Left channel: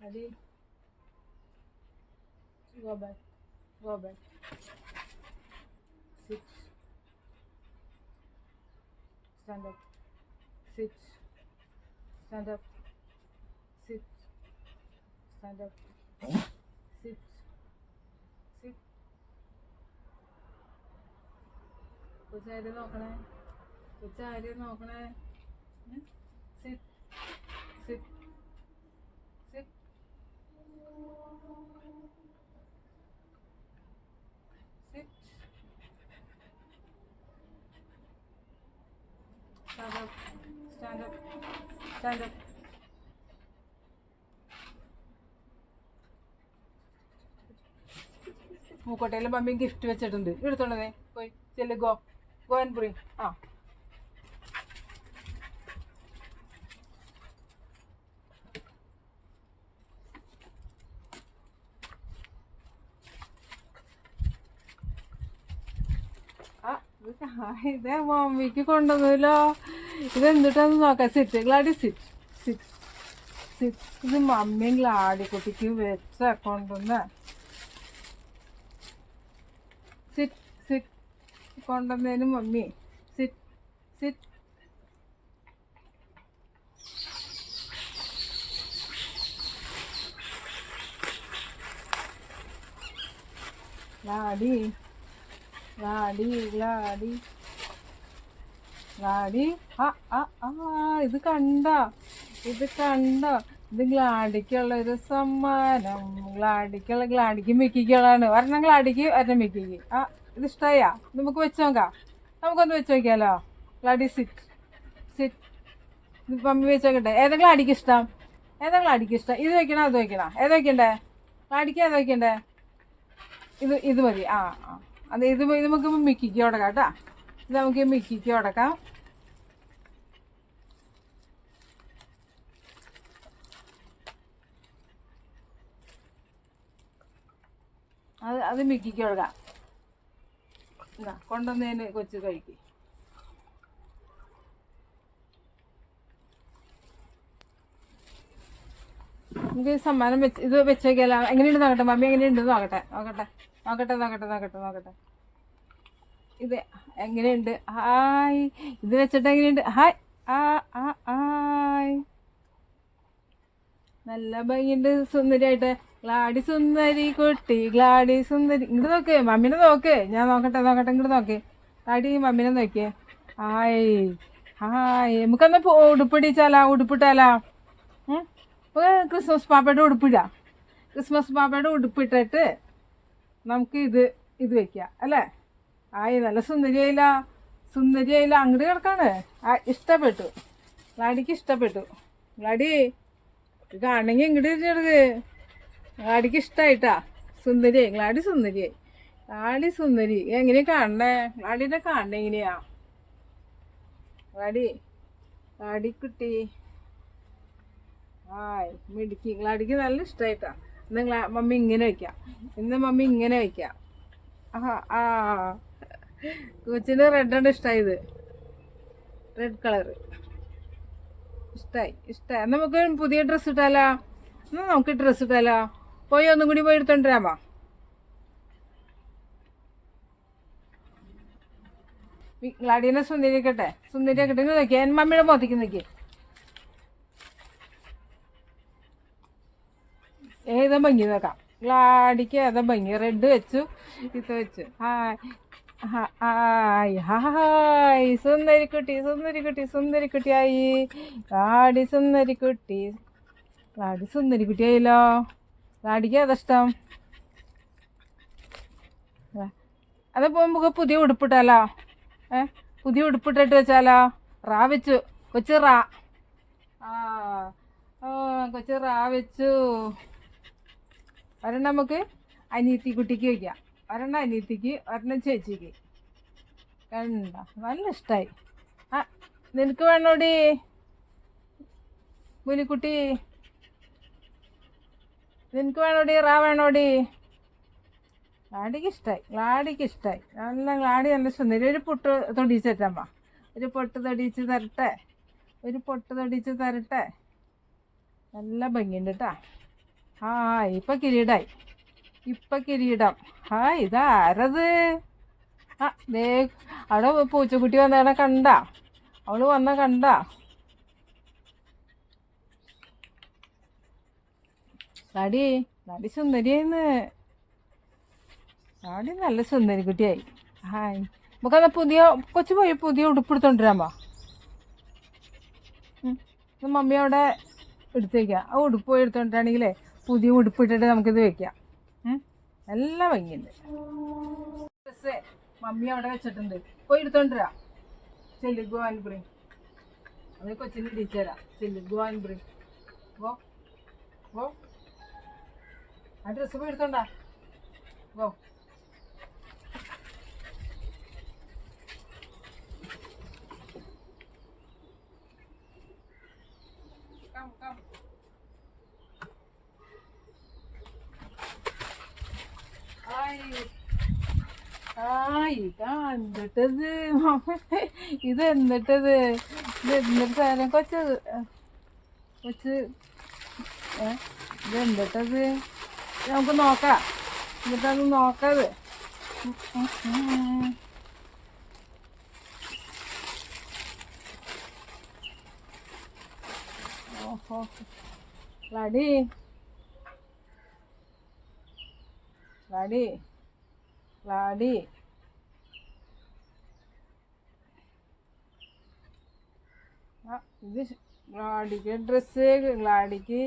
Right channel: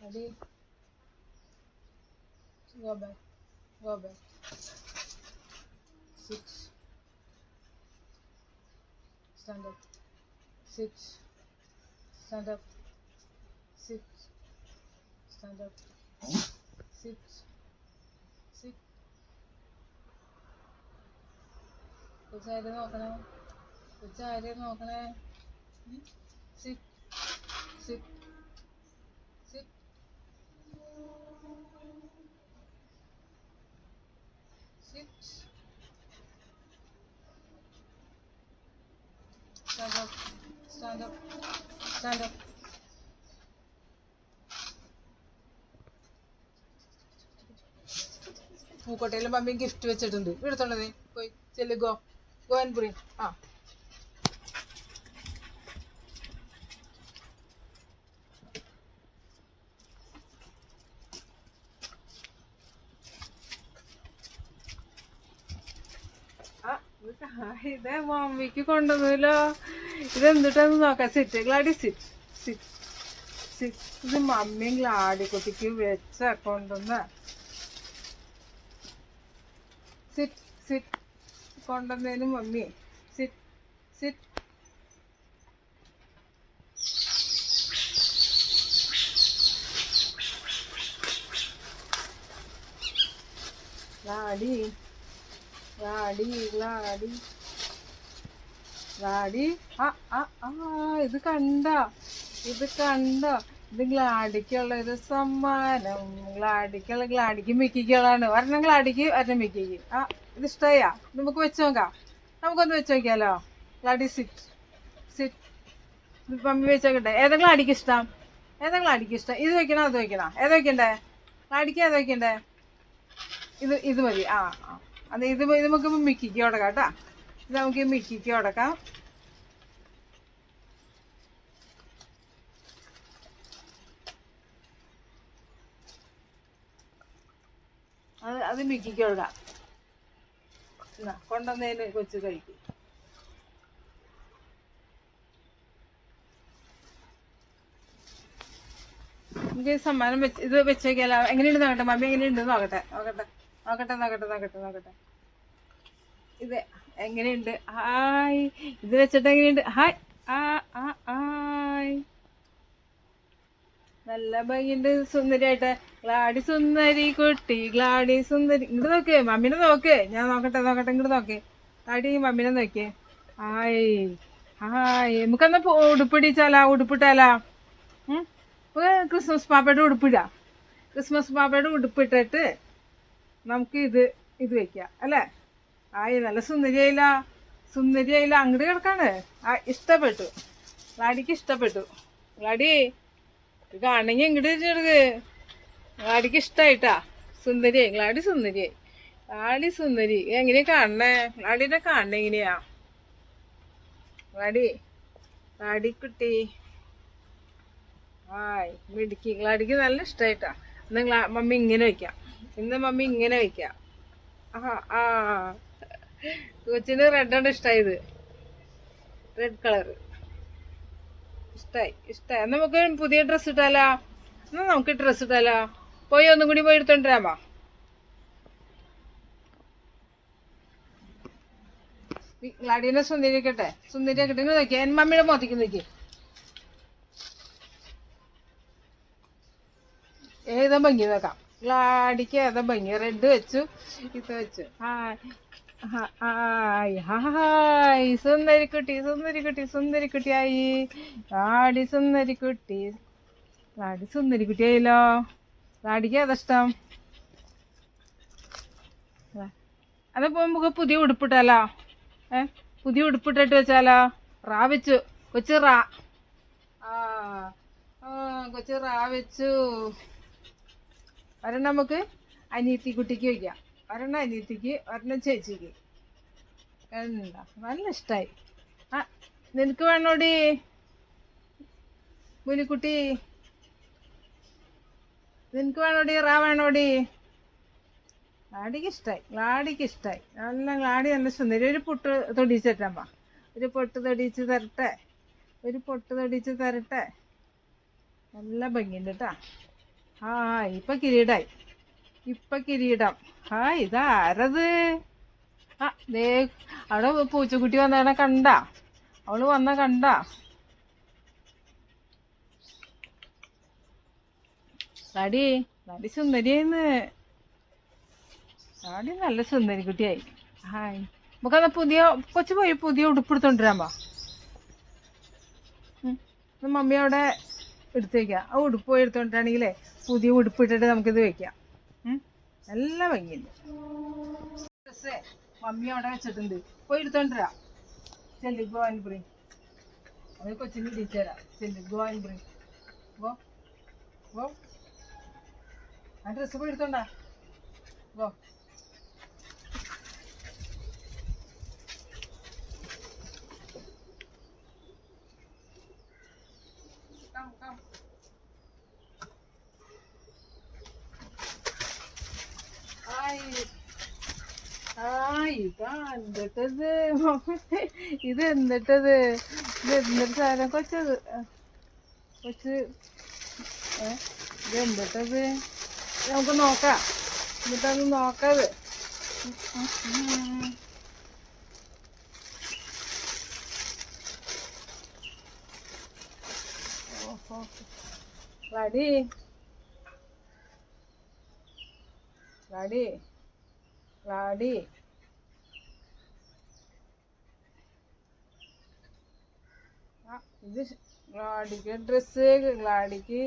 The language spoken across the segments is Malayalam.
Ready? Go back. Go back. Sit. Stand up. Sit. Stand up. Sit. Stand up. Sit. Sit. കൊച്ചാരെ നോക്കണേ കൊച്ചാരെ നോക്കണേ sit sit sit sit stand up stand up stand up മൂക്കോട്ടയിലും മമ്മിയും ഗിഫ്റ്റ് വെച്ചിട്ടുണ്ട് എടുത്തോണ്ടതേ പോയി ചെല്ലു ഗോ ഗോ ആൻഡ് ബ്രിങ് ഇതേ മമ്മിക്ക് കൊണ്ടുവന്നില്ലോ ഇതെന്തിട്ടാന്ന് നോക്കാം sit Gladdy sit sit sit ഇത് മമ്മിയും ഗ്ലാഡിക്കുട്ടിക്ക് വെച്ച കൊണ്ടുവന്ന സിറ്റ് സിറ്റ് കൊണ്ടുവന്നതിന് mummy sit sit Gladdy Gladdy Gladdy Gladdy ഇത് കണ്ട ഇത് ഗ്ലാഡിക്കുള്ള ഒരു സമ്മാനം ഗ്ലാഡിക്ക് മിക്കിക്കുള്ളതാണ് ഒരെണ്ണം ഗ്ലാഡിക്ക് ഒരെണ്ണം മിക്കിക്ക് ഇത് ഇഷ്ടമായാ നമുക്ക് വെച്ച് നോക്കാം നമുക്കൊന്ന് വെച്ച് നോക്കിയാലോ ഗ്ലാഡി സിറ്റ് സിറ്റ് മമ്മി വെച്ച് നോക്കട്ടെ ഏതാ ഗ്ലാഡിക്ക് ഇഷ്ടം ഇത് വെക്കണോ അത് വെക്കണോ ഏത് വെക്കണ്ടേ ഗ്ലാഡിക്ക് ഏത് വെക്കണ്ടേ ഇത് മതി അത് ഇത് നമുക്ക് മിക്കിക്ക് ഉടക്കാം കേട്ടോ ഇത് നമുക്ക് മിക്കിക്ക് ഉടക്കാം അത് മിക്കിക്ക് ഉടക്കാം കൊണ്ടുവന്നതിന് കൊച്ചു കഴിക്കും നമുക്ക് സമ്മാനം വെച്ച് ഇത് വെച്ചേക്കല്ല എങ്ങനെയുണ്ട് നോക്കട്ടെ മമ്മി എങ്ങനെയുണ്ട് നോക്കട്ടെ ഇത് എങ്ങനെയുണ്ട് ഹായ് ഇത് വെച്ചിട്ട് എങ്ങനെയുണ്ട് ഹായ് ഹായ് നല്ല ഭംഗിയുണ്ട് സുന്ദരിയായിട്ട് ഗ്ലാഡി സുന്ദരി കുട്ടി ഗ്ലാഡി സുന്ദരി ഇങ്ങോട്ട് നോക്കേ മമ്മീനെ നോക്കേ ഞാൻ നോക്കട്ടെ ഇങ്ങോട്ട് നോക്കേ ഗ്ലാഡി മമ്മീനെ നോക്കിയേ ഹായ് നമുക്കൊന്ന് ഉടുപ്പിട്ടാലാ ക്രിസ്മസ് പാപ്പയുടെ ഉടുപ്പിടാം ക്രിസ്മസ് പാപ്പയുടെ ഉടുപ്പിട്ടിട്ട് നമുക്ക് ഇത് വെക്കാം അല്ലേ നല്ല സുന്ദരിയായില്ല അങ്ങോട്ട് കിടക്കാണ് ഇഷ്ടപ്പെട്ടു ഗ്ലാഡിക്ക് ഇഷ്ടപ്പെട്ടു ഗ്ലാഡി കാണണമെങ്കിൽ ഇങ്ങോട്ട് തിരിച്ചെടുക്ക് ഗ്ലാഡിക്ക് ഇഷ്ടമായിട്ടാ ഗ്ലാഡി സുന്ദരി എങ്ങനെയാ കാണണേ ഗ്ലാഡിനെ കാണണേ എങ്ങനെയാ ഗ്ലാഡിക്കുട്ടി മിടുക്കി ഗ്ലാഡിക്ക് നല്ല ഇഷ്ടമായിട്ടാ ഇന്ന് മമ്മി ഇങ്ങനെ വയ്ക്കാം കൊച്ചിന് റെഡാണ് ഇഷ്ടമായത് റെഡ് കളറ് ഇഷ്ടമായി നമുക്ക് പുതിയ ഡ്രസ്സ് ഇട്ടാലോ നമുക്ക് ഡ്രസ്സ് ഇട്ടാലോ ഒന്നും കൂടി പോയി എടുത്തോണ്ടിരാമോ ഗ്ലാഡീനെ സുന്ദരിയാക്കട്ടെ നോക്കിയാ മമ്മിയുടെ മോത്തിക്ക് നോക്കി ഏതാ ഭംഗി നോക്കാം ഗ്ലാഡിക്ക് ഏതാ ഭംഗി റെഡ് വെച്ചു ഇത് വെച്ചു ഹായ് സുന്ദരിക്കുട്ടി ആയി ഗ്ലാഡി സുന്ദരിക്കുട്ടി ആയില്ലോ ഗ്ലാഡിക്ക് ഏതാ അതപ്പോ നമുക്ക് പുതിയ ഉടുപ്പിട്ടാലോ പുതിയ ഉടുപ്പിട്ടിട്ട് വെച്ചാലോ വെച്ചു കൊച്ചു വെച്ചു ഒരെണ്ണം നമുക്ക് അനിയത്തി കുട്ടിക്ക് വയ്ക്കാം ഒരെണ്ണം അനിയത്തിക്ക് ഒരെണ്ണം ചേച്ചിക്ക് കണ്ട നല്ല ഇഷ്ടമായി നിനക്ക് വേണോടി മുനിക്കുട്ടി നിനക്ക് വേണോടി വേണോടി ഗ്ലാഡിക്ക് ഇഷ്ടമായി ഗ്ലാഡി നല്ല സുന്ദരി ഒരു പൊട്ട് തൊടിച്ചിട്ടമ്മ ഒരു പൊട്ട് തൊടിച്ച് തരട്ടെ നല്ല ഭംഗിയുണ്ട് കേട്ടാ ആ ഇപ്പം കിരീടമായി. ഇപ്പം കിരീടം. ആ ഇതാരത്? ആ ദേ അവിടെ പൂച്ചക്കുട്ടി വന്നവിടെ കണ്ട. അവള് വന്ന കണ്ട. നടി നടി സുന്ദരിയായിന്ന്. നടി നല്ല സുന്ദരി കുട്ടിയായി. ഹായ് നമുക്കത് പുതിയ കൊച്ചു പോയി പുതിയ ഉടുപ്പെടുത്തോണ്ടിരാമ്പോ. മമ്മി അവിടെ എടുത്ത് വയ്ക്കാം. ആ ഉടുപ്പ് പോയി എടുത്തോണ്ടിരാണെങ്കിലേ പുതിയ ഉടുപ്പിട്ടിട്ട് നമുക്കിത് വെക്കാം. നല്ല ഭംഗിയുണ്ട്. ഡ്രസ്സ് മമ്മി അവിടെ വെച്ചിട്ടുണ്ട്, പോയി എടുത്തോണ്ടിരാ. ചെല്ലു ഗോ ആൻഡ് ബ്രിങ്. അത് കൊച്ചിന് ഇടിച്ചു തരാം. ചെല്ലു go and bring. Go go. ആ ഡ്രസ്സ് പോയി എടുത്തോണ്ടാ. ഗോ. Come, come. ഇതാ എന്തിട്ടത്? ഇത് എന്തിട്ടത്? ഇത് എന്തൊരു സാധനം കൊച്ച് കൊച്ച് ഇത് എന്തിട്ടത്? നമുക്ക് നോക്കാം. എന്നിട്ടത് നോക്കാത്. ഓഹോ ലാഡി ലാഡി ലാഡി ഇത് ലാഡിക്ക് ഡ്രസ്സ്, ലാഡിക്ക്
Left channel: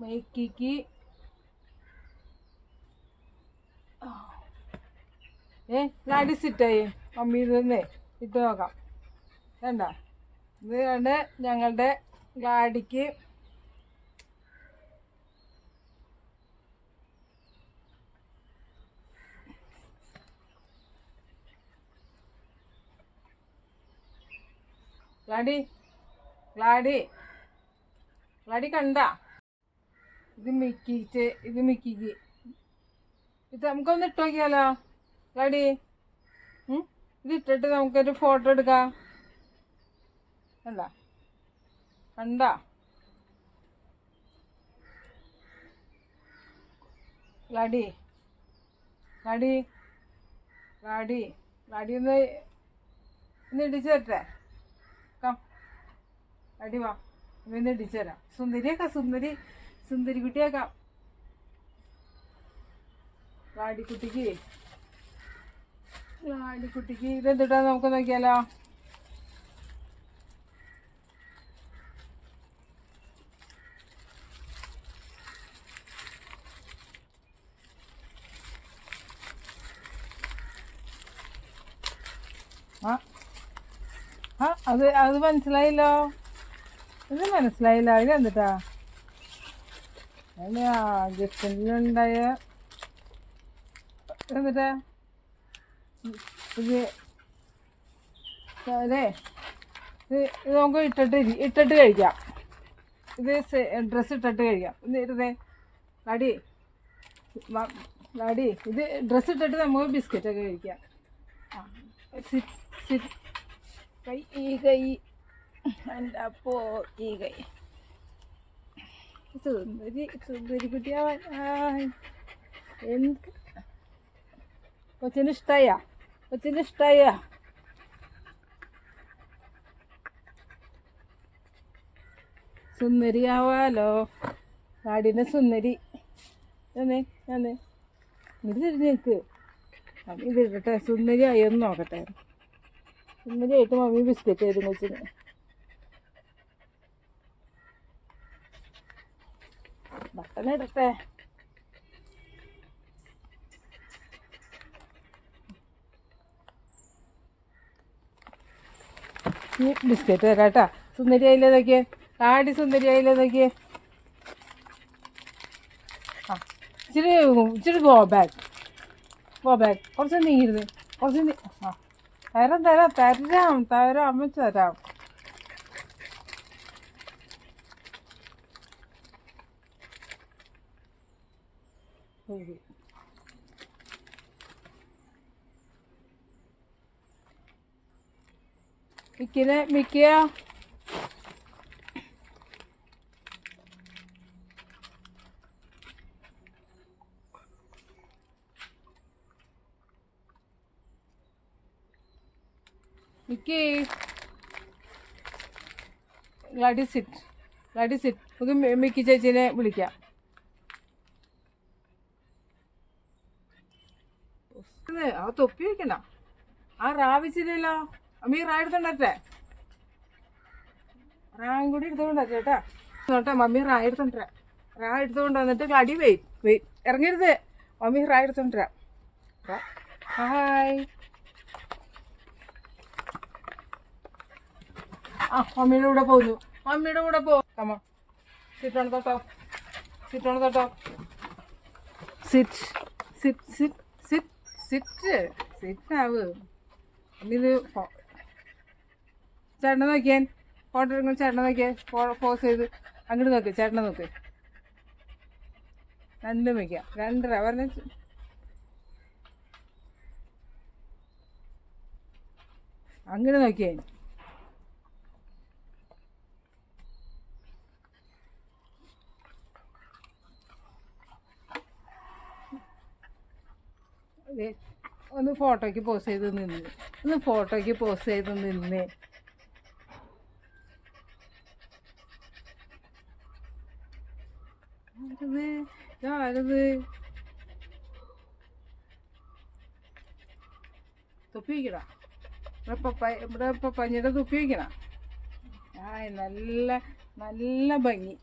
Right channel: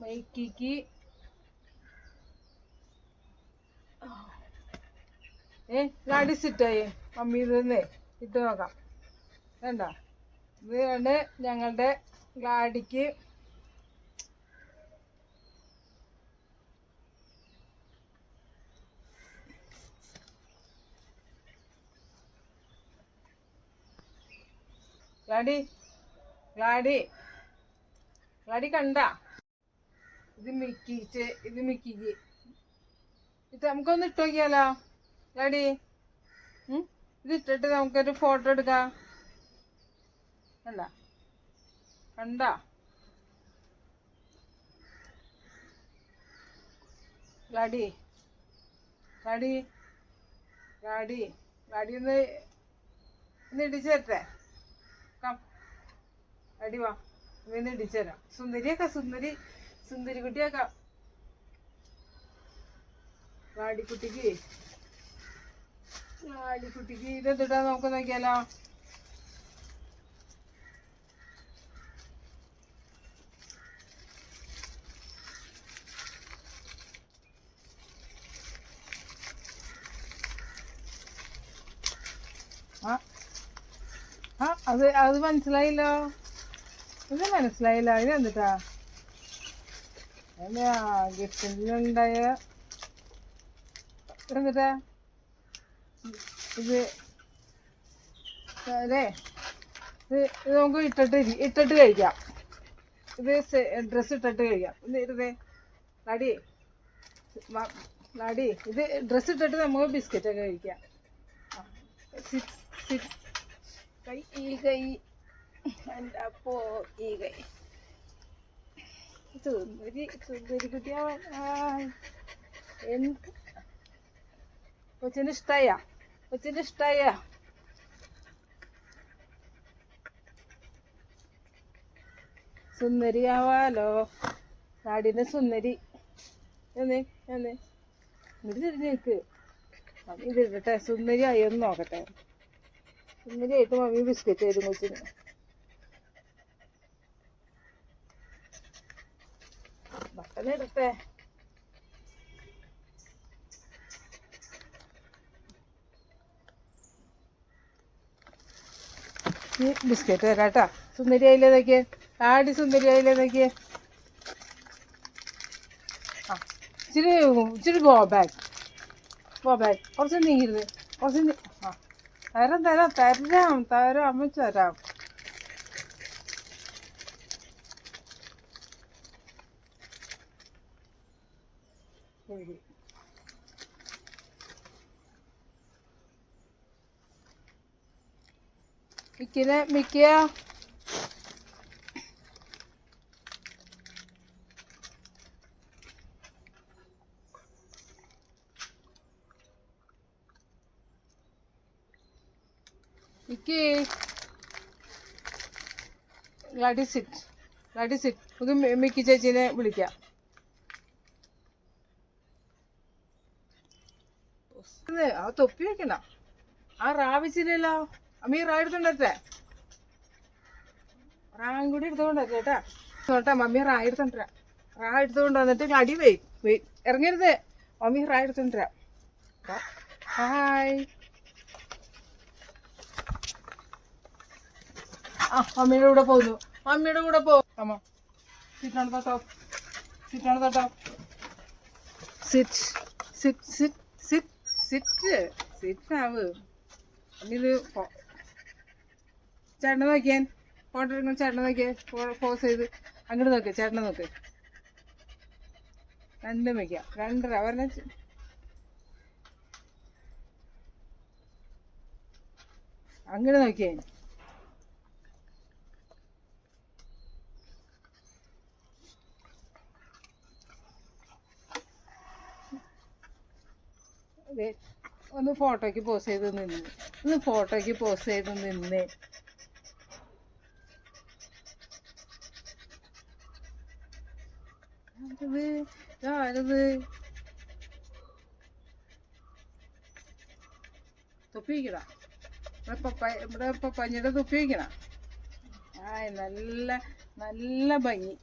മൈക്കിക്ക് ലാഡി സിറ്റായി. മമ്മി ഇതൊന്നേ ഇട്ട് നോക്കാം. വേണ്ട ഇതാണ് ഞങ്ങളുടെ ലാഡിക്ക്. ലാഡി ലാഡി ലാഡി കണ്ട. ഇത് മിക്കിക്ക് ഇത് നമുക്കൊന്ന് ഇട്ട് നോക്കിയാലോ ലാഡി? ഇത് ഇട്ടിട്ട് നമുക്കൊരു ഫോട്ടോ എടുക്കാം. കണ്ട കണ്ട ലാഡി ലാഡി ലാഡി ലാഡി ഒന്ന് ഇടിച്ചു തരട്ടെ. ലാഡി വാ, ഒന്ന് ഇടിച്ചു തരാം. സുന്ദരിയാക്കാം, സുന്ദരി കുട്ടിയാക്കാം. ലാഡിക്കുട്ടിക്ക് ഇതെന്തിട്ടാ നമുക്ക് നോക്കിയാലോ? അത് മനസ്സിലായില്ലോ. ഇത് മനസ്സിലായില്ല. ഇത് എന്നിട്ടാ ഗസ്റ്റിലുണ്ടായ എന്നിട്ടാ ഇത് അതെ. ഇത് നമുക്ക് ഇട്ടിട്ട് കഴിക്കാം. ഇത് ഡ്രസ്സ് ഇട്ടിട്ട് കഴിക്കാം. ഇത് ഇരുന്നേ ലാഡി ലാഡി ഇത് ഡ്രസ്സ് ഇട്ടിട്ട് നമുക്ക് ബിസ്ക്കറ്റൊക്കെ കഴിക്കാം. ഈ കൈ എൻ്റെ അപ്പോ ഈ കൈ സുന്ദരി കുട്ടിയാവാൻ എന്ത് കൊച്ചിന് ഇഷ്ടായ സുന്ദരിയാവാലോ. നാടിനെ സുന്ദരി ഇങ്ങോട്ട് തിരിഞ്ഞ് നിൽക്ക്. ഇത് ഇടട്ടെ. സുന്ദരിയായി ഒന്ന് നോക്കട്ടെ. സുന്ദരിയായിട്ട് മമ്മി ബിസ്ക്കറ്റ് തരും കൊച്ചിന്. ബട്ടൺ ഇടട്ടെ. ഈ ബിസ്ക്കറ്റ് തരാട്ടാ. സുന്ദരിയായില്ലേ നോക്കിയേ. ആടി സുന്ദരിയായില്ലേ നോക്കിയേ. ആ ഇച്ചിരി ഗോ ബാക്ക് കുറച്ച് നീങ്ങരുത്. കുറച്ച് തരാം അമ്മച്ച് തരാം. ശരി. മിക്കിയ Mickey Gladdy sit, Gladdy sit. നമുക്ക് മിക്കി ചേച്ചീനെ വിളിക്കാം. ആ തൊപ്പി വെക്കണ്ട, ആ റാവിച്ചില്ലല്ലോ. അമ്മീ റാ എടുത്തോണ്ടേ, റായും കൂടി എടുത്തോണ്ടാ ചേട്ടാ. നോട്ടാ മമ്മി റാ എടുത്തോണ്ടരാ, റാ എടുത്തോണ്ട് വന്നിട്ട് അടി ഇറങ്ങരുത്. മമ്മി റാ എടുത്തോണ്ടരാ. ഹായ്. ആ മമ്മിയുടെ കൂടെ പോകുന്നു, മമ്മിയുടെ കൂടെ പോകും. അമ്മ സിറ്റ് തൊട്ടോ, സിറ്റ് തൊട്ടോ. Sit sit sit sit sit sit ആവ്. ഇത് ചേട്ടനെ നോക്കിയാൻ ഫോട്ടോ എടുക്കണം. ചേട്ടനെ നോക്കിയാൽ പോസ് ചെയ്ത് അങ്ങോട്ട് നോക്ക്. ചേട്ടനെ നോക്ക്. രണ്ടും വയ്ക്കാം, രണ്ടര പറഞ്ഞ അങ്ങനെ നോക്കിയേ. ഒന്ന് ഫോട്ടോയ്ക്ക് പോസ് ചെയ്ത് നിന്ന്, ഒന്ന് ഫോട്ടോയ്ക്ക് പോസ് ചെയ്ത് നിന്ന്. ആരത് തൊപ്പി വയ്ക്കണ? ഇവിടെ പപ്പാഞ്ഞിയുടെ തൊപ്പി വയ്ക്കണ. ആ നല്ല നല്ല ഭംഗി.